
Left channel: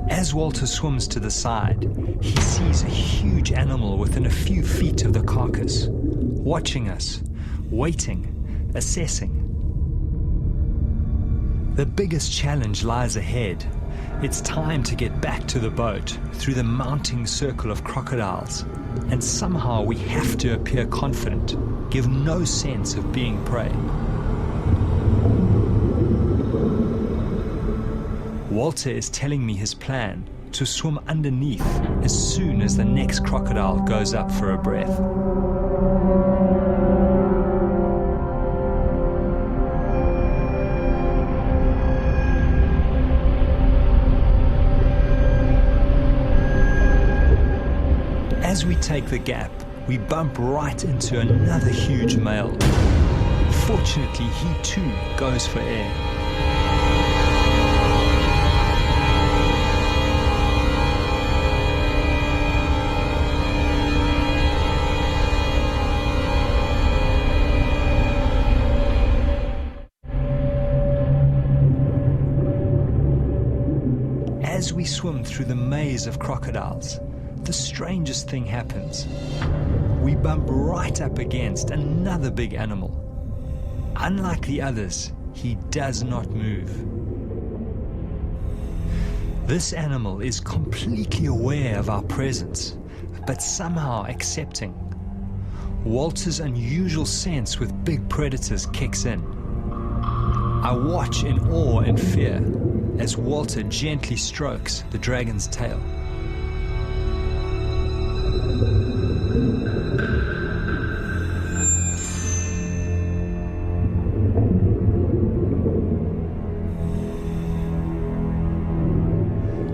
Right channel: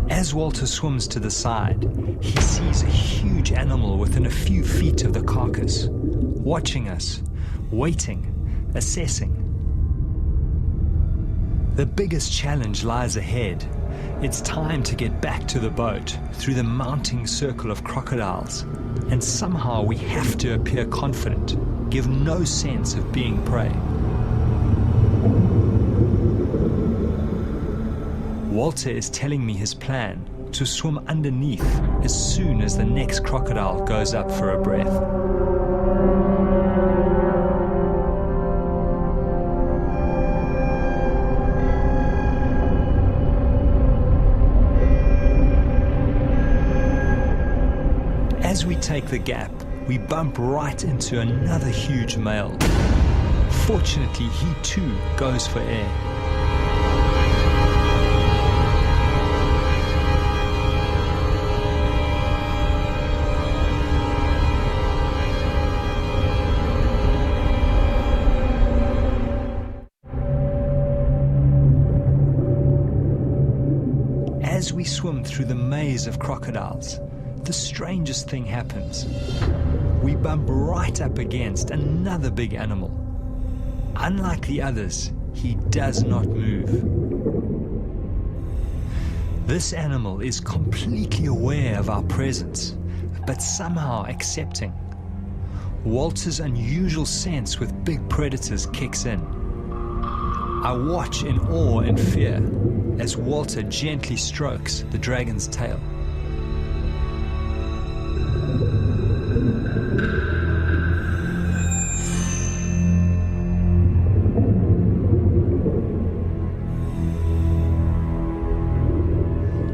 As Walter swims to the side, he sees a huge animal within a few feet of the carcass, watching us, waiting, assessing. The biggest challenge lies ahead. It's time to get back to the boat through the mounting circle of crocodiles, and somehow we have to appear confident, give no sense of being prey. Walter is telling me his plan to swim underneath as soon as the next crocodile goes up for a breath. As we take the gap, we bump right into another huge male. Fortunately, he too goes for air. As we swim through the maze of crocodiles, the strangest thing happens. We bump right up against another big animal. Unlike the others, he does not move. This animal is completely aware of our presence, but somehow accepting. Walter's unusual sense with big predators kicks in. I watch in awe and fear as Walter gently strokes the dragon's tail.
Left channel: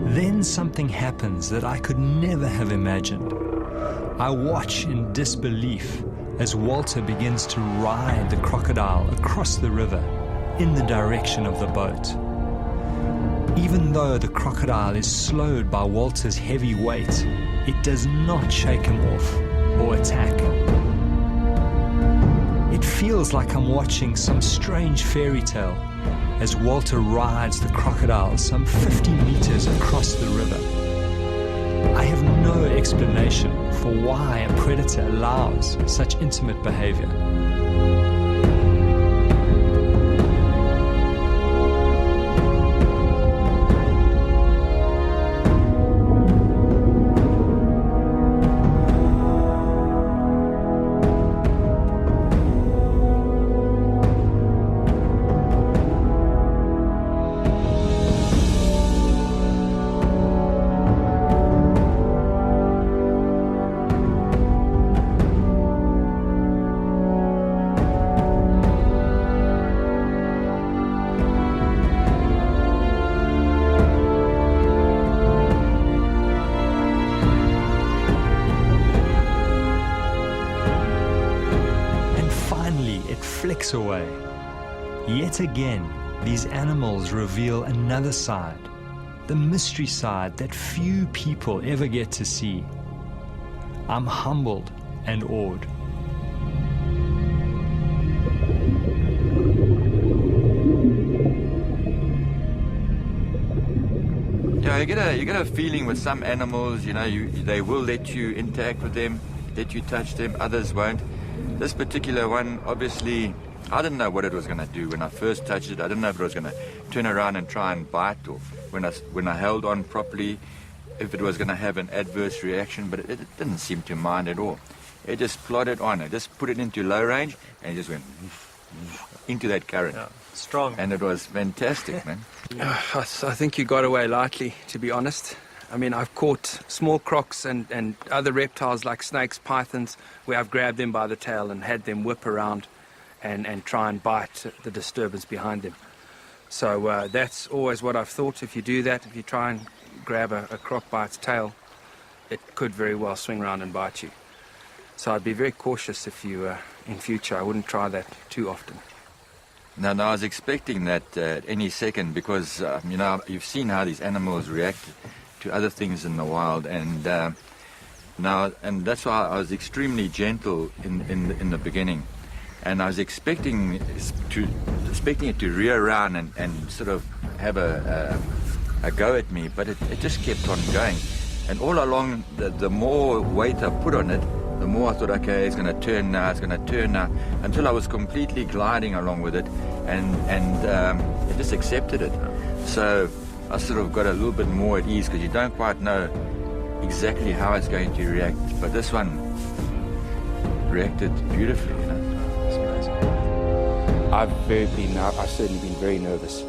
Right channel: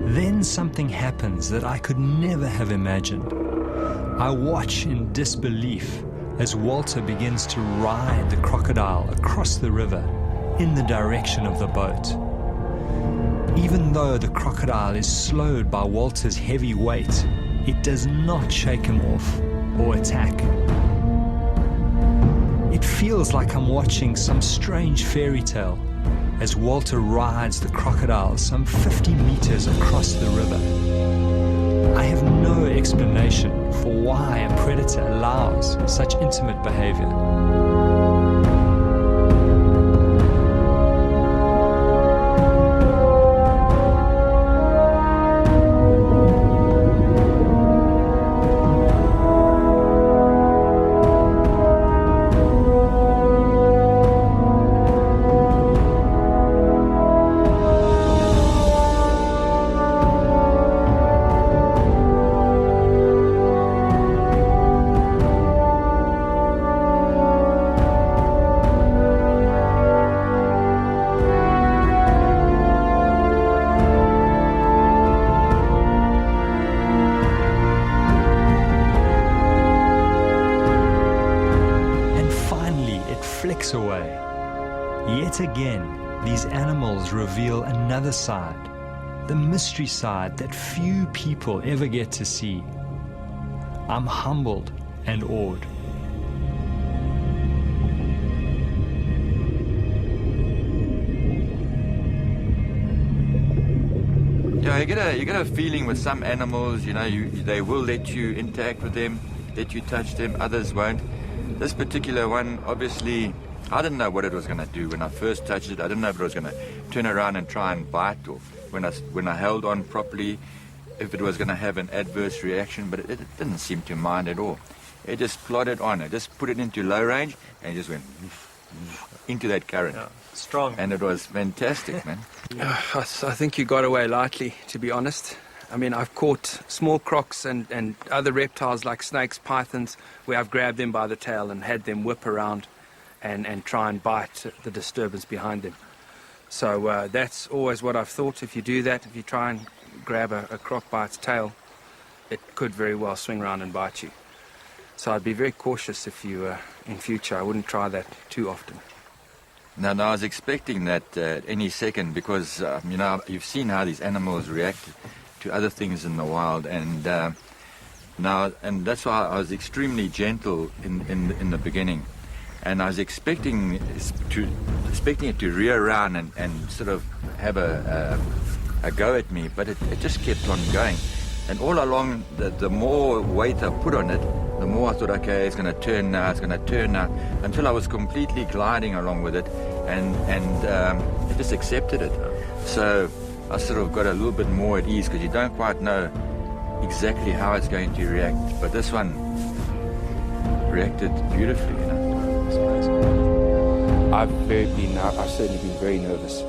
Then something happens that I could never have imagined. I watch in disbelief as Walter begins to ride the crocodile across the river in the direction of the boat. Even though the crocodile is slowed by Walter's heavy weight, it does not shake him off or attack. It feels like I'm watching some strange fairy tale as Walter rides the crocodile some 50 meters across the river. I have no explanation for why a predator allows such intimate behavior. flicks away. Yet again, these animals reveal another side, the mystery side that few people ever get to see. I'm humbled and awed. Yeah, you get a feeling with some animals, you know, they will let you interact with them, let you touch them, others won't. This particular one, obviously, I didn't know what it was going to do when I first touched it. I didn't know if it was going to turn around and try and bite, or when I held on properly, if it was going to have an adverse reaction, but it didn't seem to mind at all. It just plodded on. I just put it into low range, and it just went into that current. Yeah, strong. And it was fantastic, man. I think you got away lightly, to be honest. I mean, I've caught small crocs and other reptiles like snakes, pythons, where I've grabbed them by the tail and had them whip around and try and bite the disturbance behind them. So that's always what I've thought. If you do that, if you try and grab a croc by its tail, it could very well swing around and bite you. So I'd be very cautious if you, in future, I wouldn't try that too often. Now, I was expecting that any second because, you know, you've seen how these animals react to other things in the wild, and that's why I was extremely gentle in the beginning, and I was expecting it to rear around and sort of have a go at me, but it just kept on going, and all along the more weight I put on it, the more I thought, okay, it's going to turn now, until I was completely gliding along with it, and it just accepted it. So I sort of got a little bit more at ease because you don't quite know exactly how it's going to react. But this one reacted beautifully, you know. It's amazing. I've certainly been very nervous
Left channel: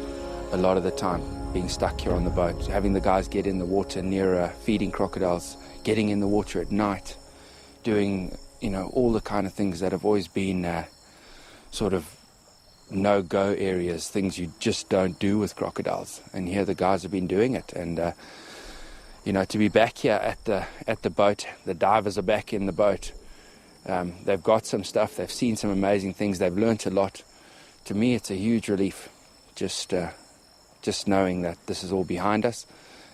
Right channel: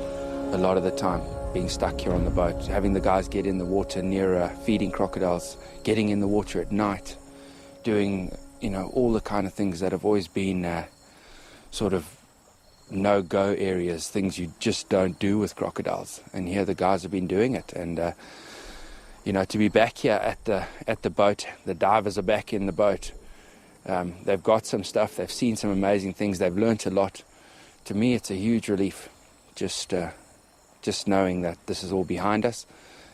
a lot of the time, being stuck here on the boat, having the guys get in the water near feeding crocodiles, getting in the water at night, doing, you know, all the kind of things that have always been sort of no-go areas, things you just don't do with crocodiles. And here the guys have been doing it. And, you know, to be back here at the boat, the divers are back in the boat. They've got some stuff. They've seen some amazing things. They've learnt a lot. To me, it's a huge relief, just knowing that this is all behind us,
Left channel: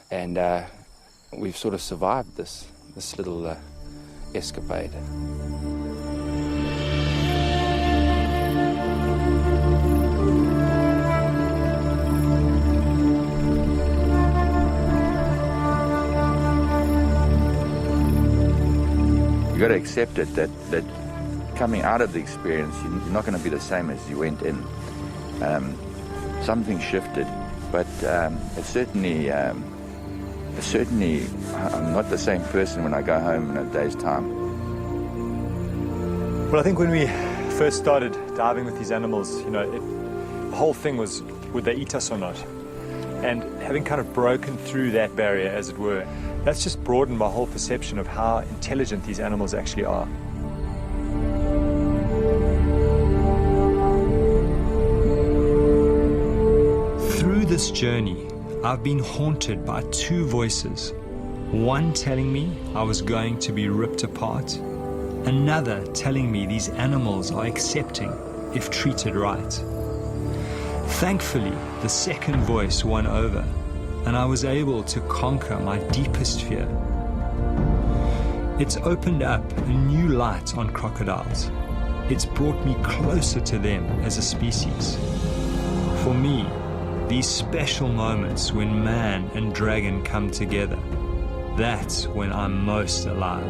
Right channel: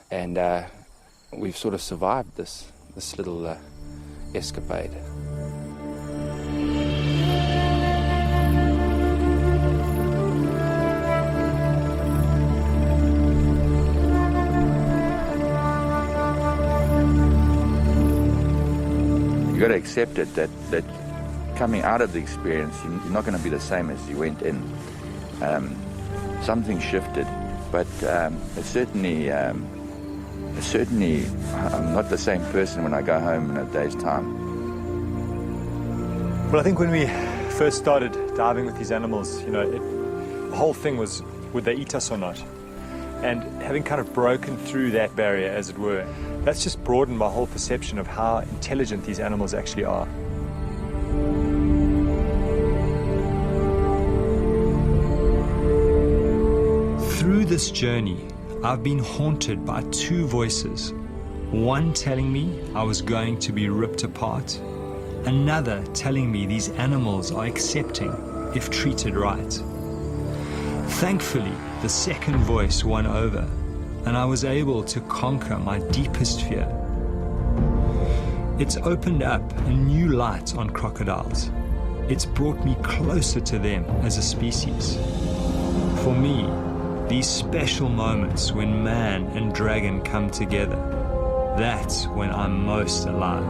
and we've sort of survived this little escapade. You got to accept it that coming out of the experience, you're not going to be the same as you went in. Something shifted, but it's certainly I'm not the same person when I go home in a day's time. Well, I think when we first started diving with these animals, you know, the whole thing was, would they eat us or not? And having kind of broken through that barrier, as it were, that's just broadened my whole perception of how intelligent these animals actually are. Through this journey, I've been haunted by two voices. One telling me I was going to be ripped apart. Another telling me these animals are accepting if treated right. Thankfully, the second voice won over, and I was able to conquer my deepest fear. It's opened up a new light on crocodiles. It's brought me closer to them as a species. For me, these special moments when man and dragon come together, that's when I'm most alive.